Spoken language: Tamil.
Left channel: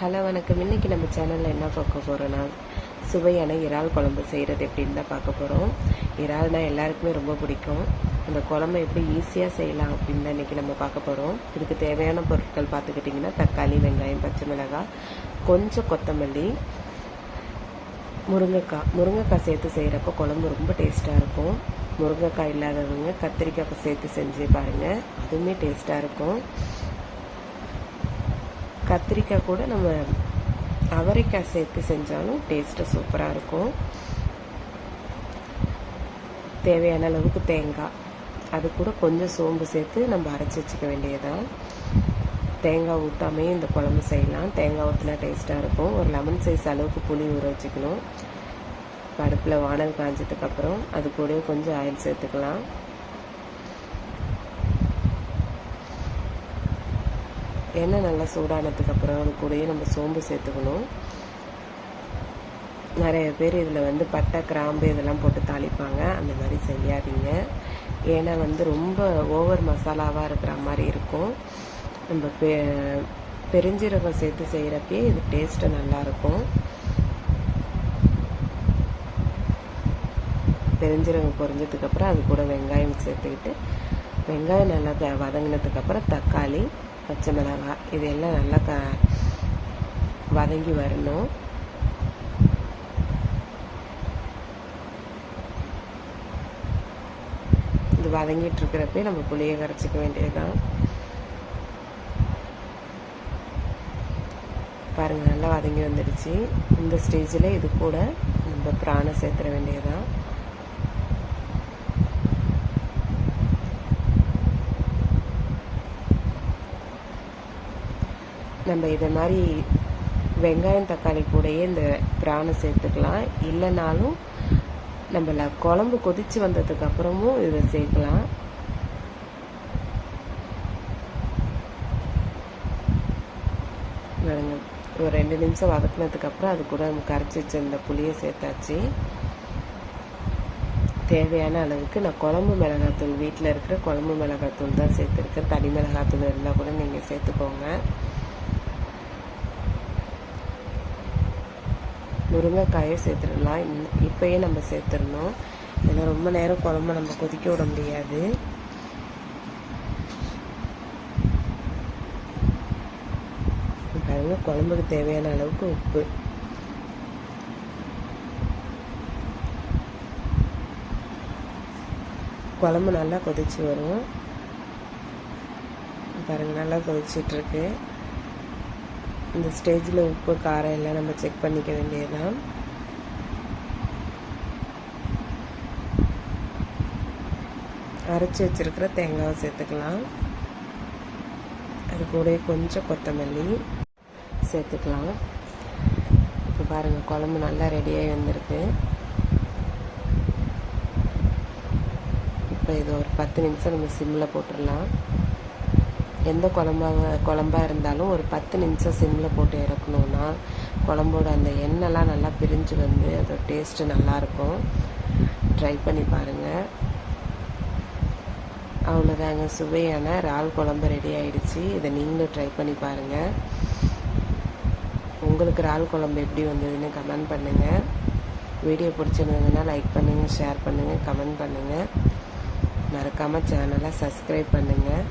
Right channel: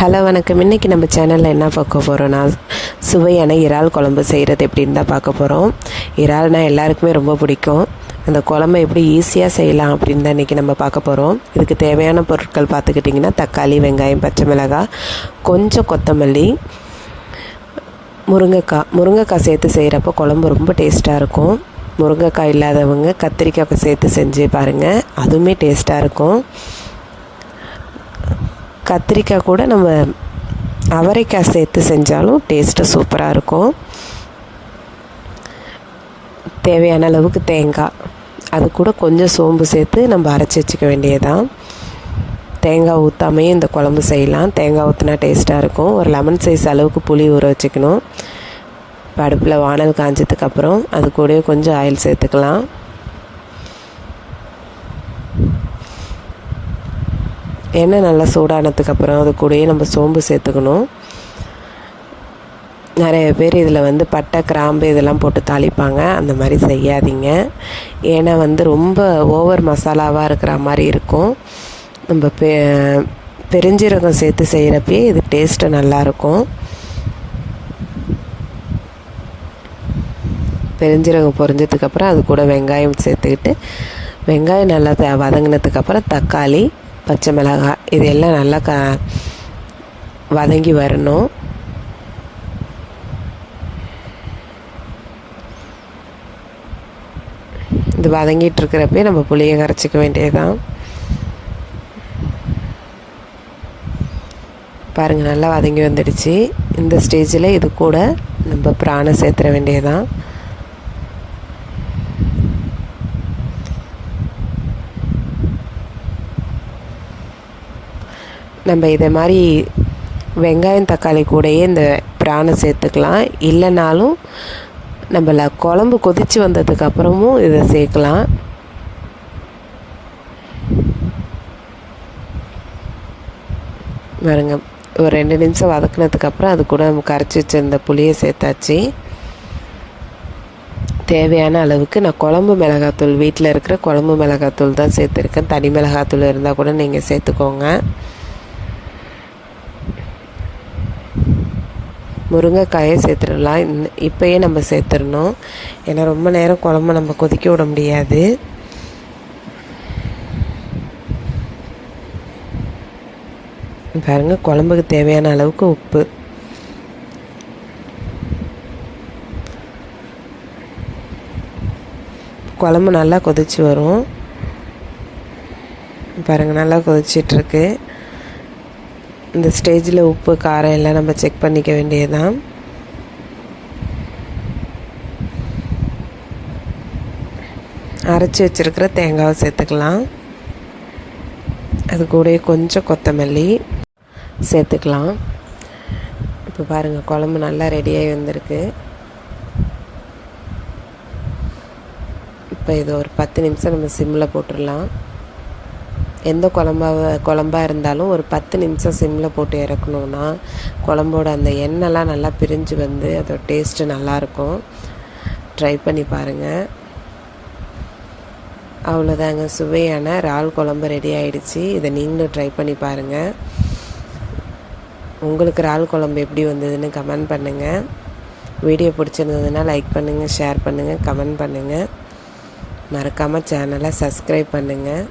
ஹலோ வணக்கம். இன்றைக்கி நம்ம சேனலில் என்ன பார்க்க போகிறோன்னா, சுவையான இறால் குழம்பு செய்கிறது எப்படின்னு தான் பார்க்க போகிறோம். இறால்னால் எல்லாருக்குமே ரொம்ப பிடிக்கும். அந்த குழம்பு எப்படி ஈஸியாக செய்யலாம் அப்படின்னு தான் இன்றைக்கி நம்ம பார்க்க போகிறோம். இதுக்கு தேவையான பொருட்கள் பார்த்துக்கிட்டிங்கன்னா, தக்காளி, வெங்காயம், பச்சை மிளகாய், கொஞ்சம் கொத்தமல்லி, முருங்கைக்காய் சேர்த்து செய்கிறப்போ குழம்பு ரொம்ப டேஸ்ட்டாக இருக்கும். முருங்கைக்காய் இல்லாதவங்க கத்திரிக்காய் சேர்த்து செஞ்சு பாருங்கள், அதுவுமே டேஸ்ட்டாக இருக்கும். கத்திரிக்காய் கூட நம்ம அவரைக்காய் சேர்த்து செஞ்சாலும் டேஸ்ட்டு சூப்பராக இருக்கும். தேவையான அளவுக்கு தேங்காய், அது கூட கொஞ்சம் சோம்பு சேர்த்து நம்ம அரைச்சி வச்சுக்க வேண்டியதுதான். தேங்காய் ஊற்றாமையும் இந்த குழம்பு செய்யலாம். தேங்காய் ஊற்றினா டேஸ்ட்டாக இருக்கும். ஒரு லெமன் சைஸ் அளவுக்கு புளி ஊற வச்சுக்கணும். அடுப்பில் வானல் காஞ்சதுக்கப்புறம் அது கூட கொஞ்சம் ஆயில் சேர்த்துக்கலாம். எண்ணெய் நல்லா சூடானதுக்கப்புறம் அது கூடயே நம்ம சோம்பு சேர்த்துக்கணும். நிறைய பேர் இதில் பட்டை, கிராம்பு இதெல்லாம் போட்டு தாளிப்பாங்க. அந்த மாதிரி செய்யாதீங்க. ஏன்னா ரொம்ப ஓவர் மசாலாவாக இருக்கிற மாதிரி இருக்கும். நம்ம பெருஞ்சீரகம் சேர்த்து செய்கிறப்பே இது டேஸ்ட்டு நல்லாயிருக்கும். பெருஞ்சீரகம் பொரிஞ்சதுக்கப்புறம் அது கூட வெங்காயம் சேர்த்துக்கிட்டு, வெங்காயம் நல்லா வதங்கினதுக்கப்புறம் தக்காளி, பச்சை மிளகாய் இது எல்லாம் நல்லா வதங்கி வரணும். இது வதங்கிட்டு இருக்கிறப்பே நம்ம புளியை கரைச்சிக்க வேண்டியதுதான். பாருங்கள், நல்லா வதங்கி வந்துடுச்சு. இந்த ஸ்டேஜில் இது கூட நம்ம பிரானை சேர்த்துற வேண்டியதுதான். நம்ம இதை மாதிரி வெங்காயம், தக்காளி கூடயே இந்த பிரானை சேர்த்துக்கலாம். இல்லைனாலும் நம்மள குழம்பு கொதித்து வந்ததுக்கப்புறமும் இதை சேர்க்கலாம். பாருங்க, ஒரு 2 நிமிஷம் வதக்குனதுக்கப்புறம் அது கூட நம்ம கரைச்சி வச்சிருந்த புளியை சேர்த்தாச்சு. தேவையான அளவுக்கு நான் குழம்பு மிளகாத்தூள், வீட்டில் இருக்கிற குழம்பு மிளகாத்தூள் தான் சேர்த்துருக்கேன். தனி மிளகாத்தூள் இருந்தால் கூட நீங்கள் சேர்த்துக்கோங்க. முருங்கைக்காயை சேர்த்துடலாம். இப்போயே நம்ம சேர்த்துடணும். ஏன்னா ரொம்ப நேரம் குழம்பு நம்ம கொதிக்க விட முடியாது. பாருங்கள், குழம்புக்கு தேவையான அளவுக்கு உப்பு. குழம்பு நல்லா கொதிச்சு வரும். பாருங்கள், நல்லா கொதிச்சிட்ருக்கு. இந்த ஸ்டேஜில் உப்பு, காரம் எல்லாம் நம்ம செக் பண்ணிக்க வேண்டியதுதான். அரைச்சி வச்சுருக்கிற தேங்காவை சேர்த்துக்கலாம். அது கூட கொஞ்சம் கொத்தமல்லி சேர்த்துக்கலாம். இப்போ பாருங்கள், குழம்பு நல்லா ரெடியாகி வந்திருக்கு. இப்போ இது ஒரு 10 நிமிஷம் நம்ம சிம்மில் போட்டுடலாம். எந்த குழம்பாக இருந்தாலும் ஒரு 10 நிமிஷம் சிம்மில் போட்டு இறக்கணுன்னா குழம்போட அந்த எண்ணெய்லாம் நல்லா பிரிஞ்சு அதோட டேஸ்ட்டு நல்லாயிருக்கும். ட்ரை பண்ணி பாருங்கள். அவ்வளோதாங்க, சுவையான இறால் குழம்பு ரெடி ஆகிடுச்சு. இதை நீங்களும் ட்ரை பண்ணி பாருங்கள். உங்களுக்கு இறால் குழம்பு எப்படி வந்ததுன்னு கமெண்ட் பண்ணுங்கள். வீடியோ பிடிச்சிருந்ததுன்னா லைக் பண்ணுங்கள், ஷேர் பண்ணுங்கள், கமெண்ட் பண்ணுங்கள். மறக்காமல் சேனலை சப்ஸ்கிரைப் பண்ணுங்கள்.